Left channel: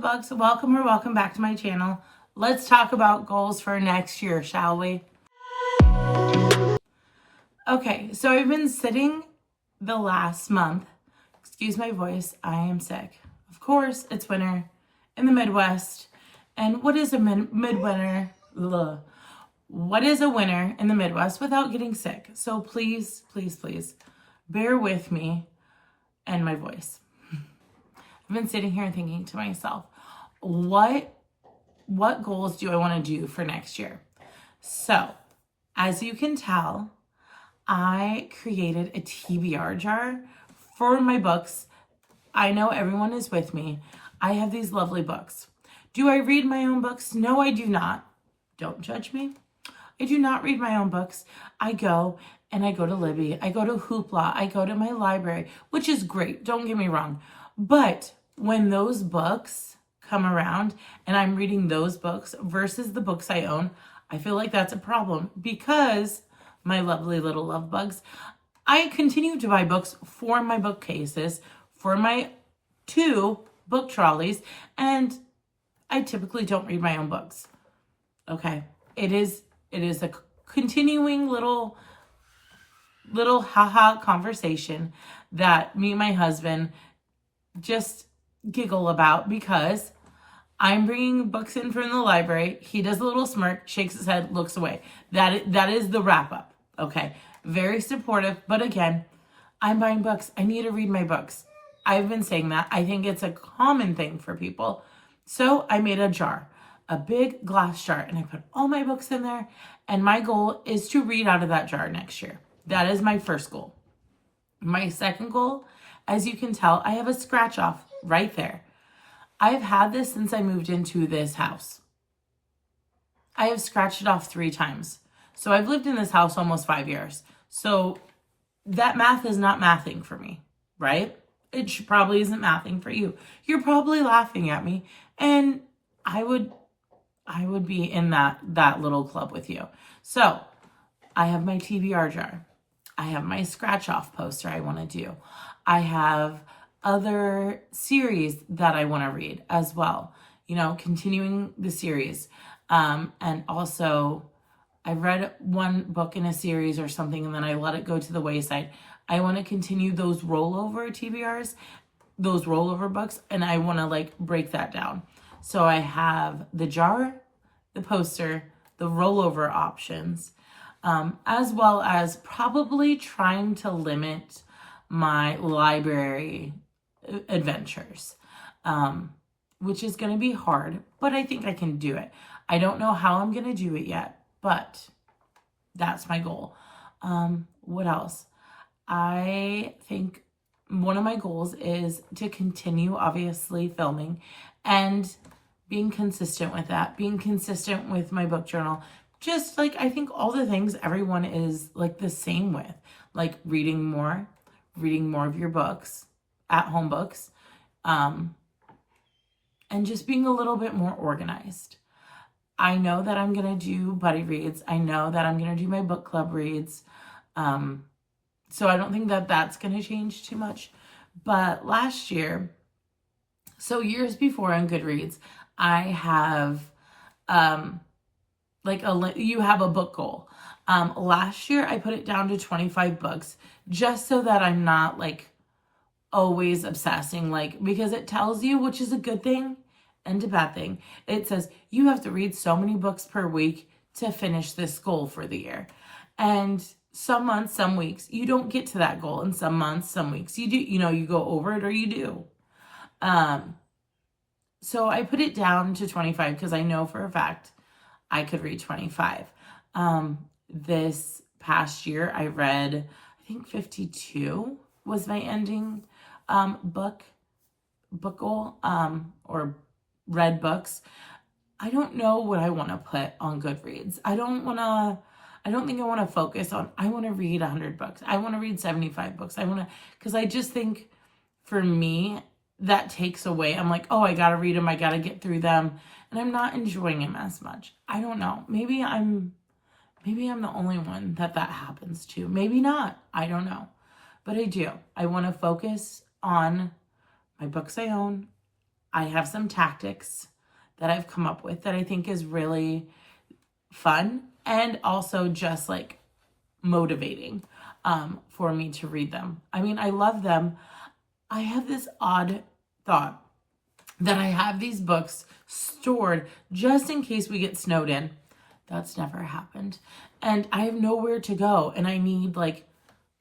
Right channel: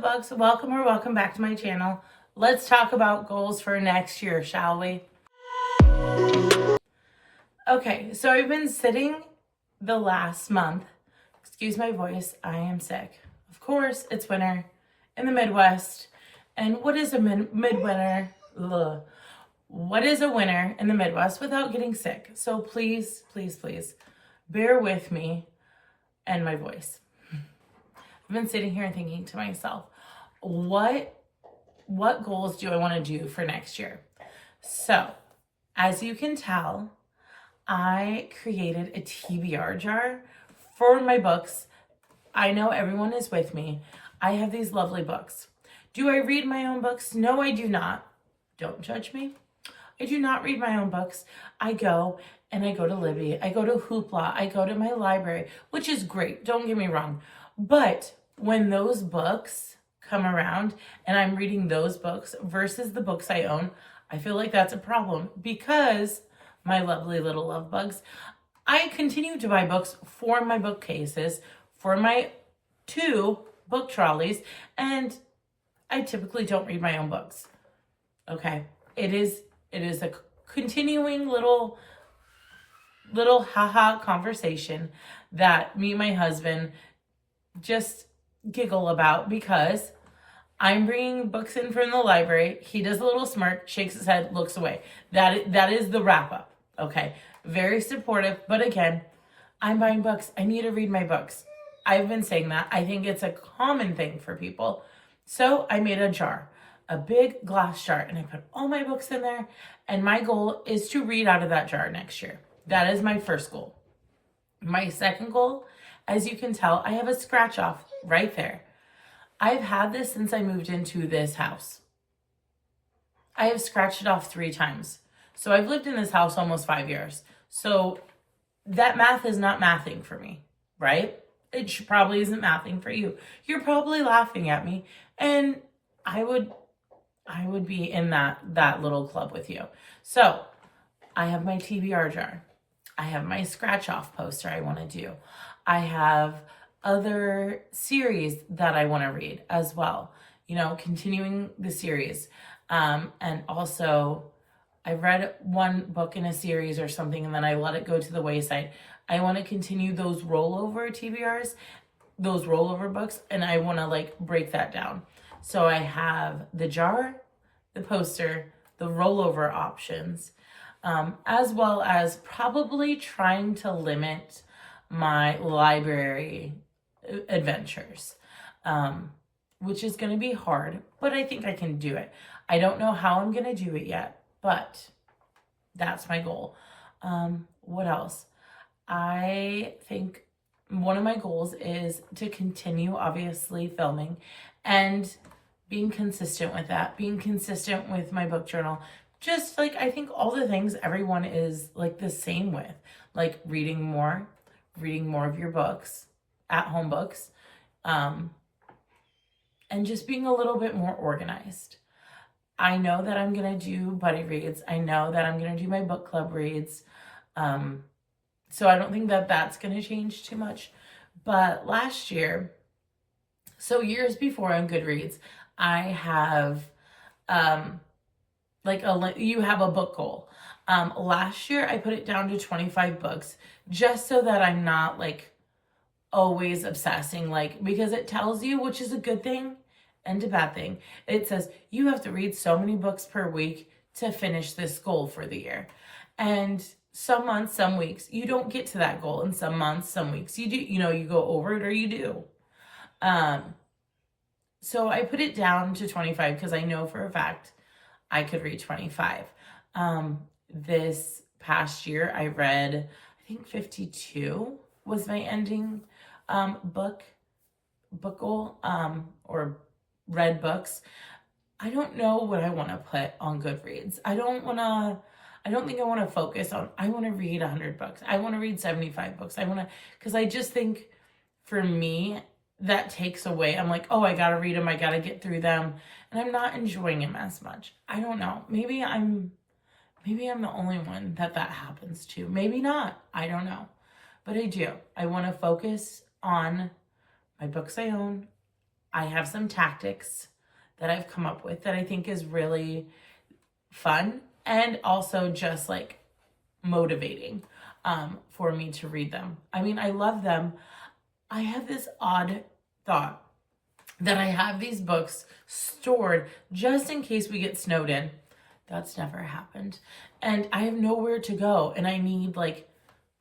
Bugs, welcome back to my channel. Let's talk about goals for next year, shall we? Okay, so I've been sitting the last month. Excuse my voice, I am sick. Of course, it's winter in the Midwest. And what is a midwinter? What is a winter in the Midwest without getting sick? So please, bear with me and my voice. I've been sitting here thinking to myself, what goals do I want to do for next year? So, as you can tell, I created a TBR jar for my books. I know everyone is with me. I have these lovely books. Do I read my own books? No, I do not. Don't judge me. I do not read my own books. I go to Libby. I go to Hoopla. I go to my library, which is great. Don't get me wrong. But when those books come around and I'm reading those books versus the books I own, I feel like that's a problem because my lovely little love bugs, I continue to buy books for my bookcases, for my 2 book trolleys, and I typically don't read my own books. Okay. It is a continuing little haha conversation that me and my husband just giggle about because I'm bringing books in from the library. He does a little smirk, shakes his head, looks away. That is the wrap up. Okay. Very supportive. But again, I'm buying books. I need to read my books. I've been saying that. I think it's a common thing for people. So I made a jar, a big glass jar, and I put all my books in there. And my goal is to read out of that jar next year. That is my first goal. My second goal, as you can tell, I have a scratch off right there. I've had this since I moved into this house. I have scratched it off 3 times. So I've lived in this house almost 5 years. So that math is not mathing for me, right? It probably isn't mathing for you. You're probably laughing at me, and I would be in that little club with you. So I have my TBR jar. I have my scratch off poster I want to do. I have other series that I want to read as well, continuing the series. And also I've read one book in a series or something, and then I let it go to the wayside. I want to continue those rollover TBRs, those rollover books, and I want to break that down. So I have the jar, the poster, the rollover options, as well as probably trying to limit my library adventures, which is going to be hard, but I think I can do it. I don't know how I'm going to do it yet, but that's my goal. What else? I think one of my goals is to continue, obviously, filming and being consistent with that, being consistent with my book journal. Just I think all the things everyone is the same with, reading more of your books, at-home books, and just being a little bit more organized. I know that I'm going to do buddy reads. I know that I'm going to do my book club reads. So I don't think that that's going to change too much. But last year, so years before on Goodreads, I have, you have a book goal. Last year, I put it down to 25 books just so that I'm not always obsessing, because it tells you, which is a good thing and a bad thing. It says you have to read so many books per week to finish this goal for the year. And some months, some weeks, you don't get to that goal. And some months, some weeks, you do, you go over it or you do. So I put it down to 25 because I know for a fact I could read 25. This past year, I read, I think 52 was my ending book goal, or read books. I don't know what I want to put on Goodreads. I don't think I want to focus on, I want to read 100 books. I want to read 75 books. Because I just think for me, that takes away. I'm oh, I got to read them. I got to get through them. And I'm not enjoying them as much. I don't know. Maybe I'm the only one that happens to. Maybe not. I don't know. But I do. I want to focus on my books I own, I have some tactics that I've come up with that I think is really fun and also just like motivating for me to read them. I mean, I love them. I have this odd thought that I have these books stored just in case we get snowed in. That's never happened. And I have nowhere to go and I need like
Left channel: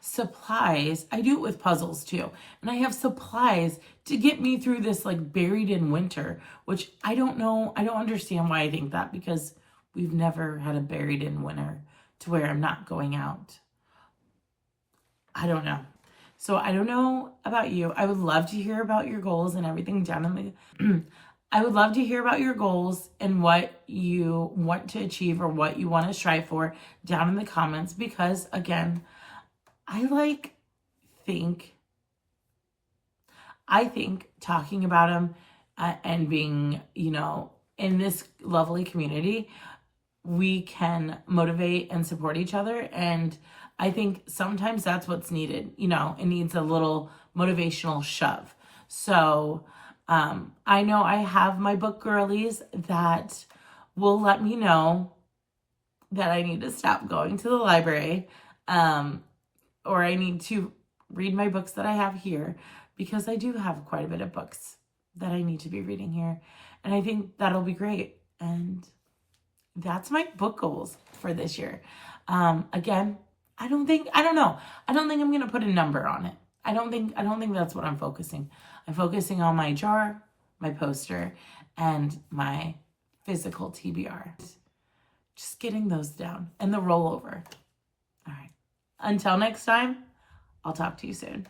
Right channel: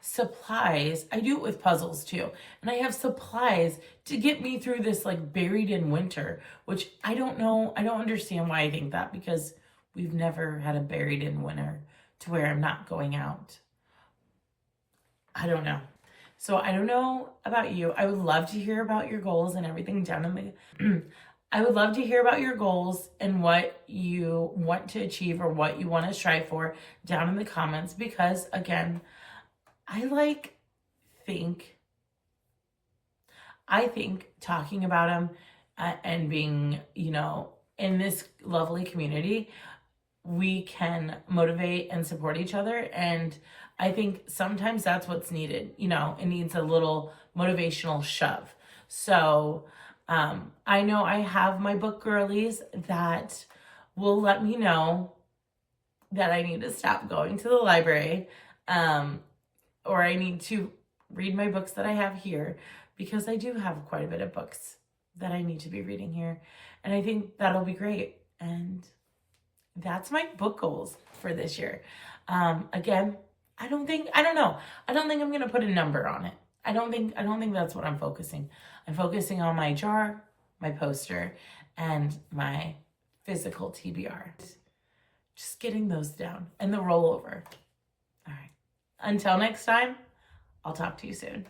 supplies. I do it with puzzles too. And I have supplies to get me through this like buried in winter, which I don't know. I don't understand why I think that, because we've never had a buried in winter to where I'm not going out. I don't know. So I don't know about you. I would love to hear about your goals and everything down in the I would love to hear about your goals and what you want to achieve or what you want to strive for down in the comments, because again, I think talking about them and being, in this lovely community, we can motivate and support each other. And I think sometimes that's what's needed. It needs a little motivational shove. So I know I have my book girlies that will let me know that I need to stop going to the library, or I need to read my books that I have here, because I do have quite a bit of books that I need to be reading here. And I think that'll be great. And that's my book goals for this year. Again, I don't think I'm going to put a number on it. I don't think that's what I'm focusing. I'm focusing on my jar, my poster, and my physical TBR. Just getting those down and the rollover. All right. Until next time, I'll talk to you soon.